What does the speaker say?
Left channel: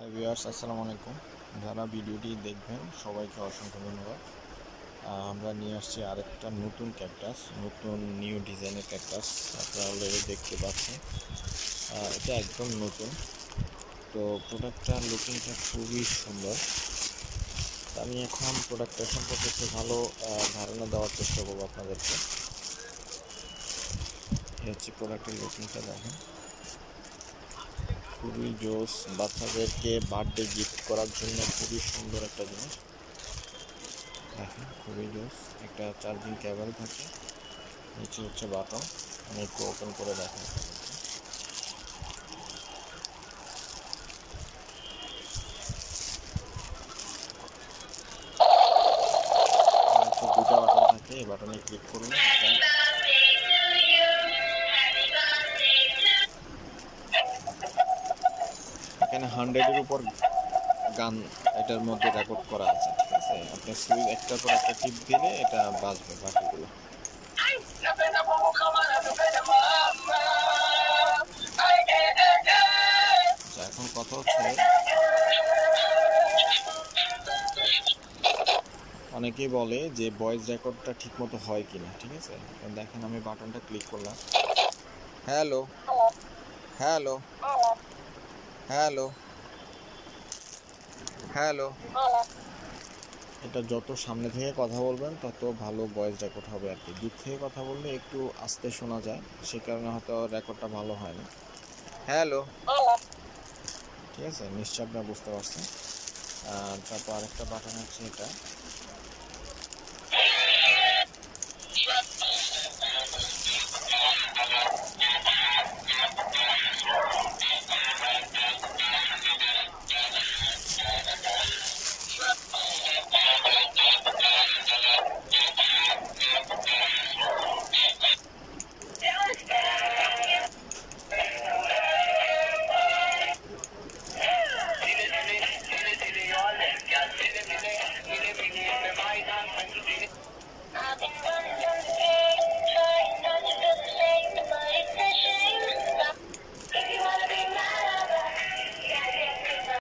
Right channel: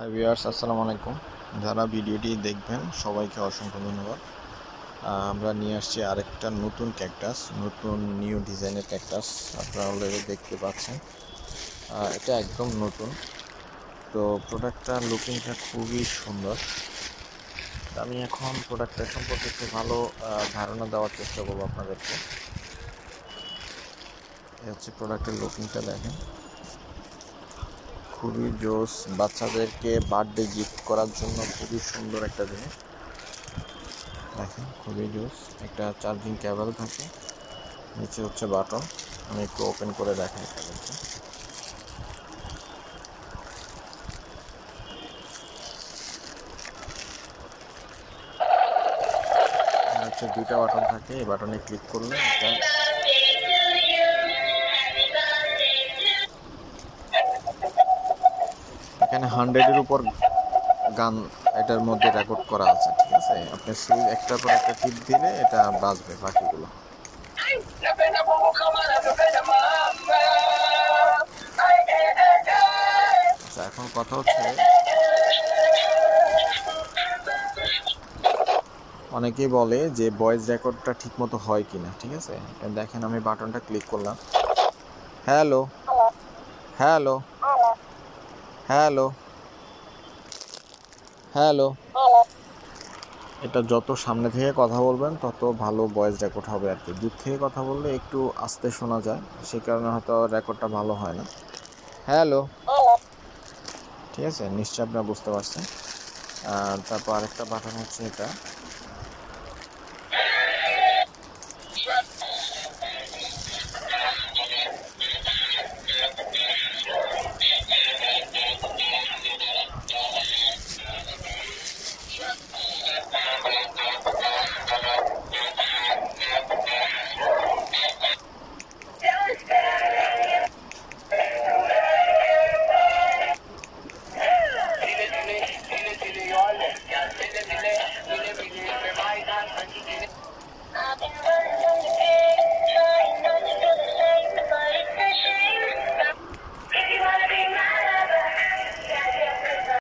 Hi viewers, আসসালামু আলাইকুম। যারা ভিডিওটি দেখবেন সবাইকে অসংখ্য ধন্যবাদ। আমরা নিয়ে আসছি আরেকটা নতুন ক্যাকটাস, নতুন নিউ ডিজাইনের ক্যাকটাস। আপনারা অলরেডি দেখতে পাচ্ছেন, এটা একদম নতুন। তো প্রোডাক্টটার লুকিংটা খুবই সুন্দর। আমি এখন প্রোডাক্টটার সম্পর্কে একটু ভালো ধারণা দেওয়ার চেষ্টা করবো আপনাদেরকে। এই হচ্ছে প্রোডাক্টের লুকিংটা, দেখেন খুবই জোস। বাচ্চাদেরকে বার্থডে গিফট করার জন্য খুবই সুন্দর একটা জিনিস। দেখেন খুবই জোস। একটা চার্জিং কেবল থাকে, নিচে হচ্ছে বাটন। আমি একটু ওপেন করে দেখাই আপনাদেরকে। হচ্ছে দুইটা বাটন থাকে, এই বাটনে ক্লিক করলে এখানে 100-এর উপর গান এটার মধ্যে রেকর্ড করা আছে, ঠিক আছে। আপনি সুইচ একটার পর একটা টিপ দিলে এটা বাজবে বাকিগুলো। আচ্ছা, এখন কথা হচ্ছে, অনেকেই বলে যে ভয়েস রেকর্ডটা ঠিক মতো হয় কিনা, ঠিক আছে। দেখেন আমি বাটনটা ক্লিক করলাম, হ্যালো হ্যালো হ্যালো হ্যালো। এটা যত সামনে থেকে কথা বলবেন তত ভালো ভয়েস রেকর্ড হবে আর কি। দূর থেকে কথা বললে একটু আস্তে শোনা যায়, সে কারণে হয়তো রেকর্ডটা ভালো হয় না। হ্যালো, ঠিক আছে, নিশ্চয়ই আপনারা বুঝতে পারছেন। তারপর আরেকটা বাটন হচ্ছে এটা,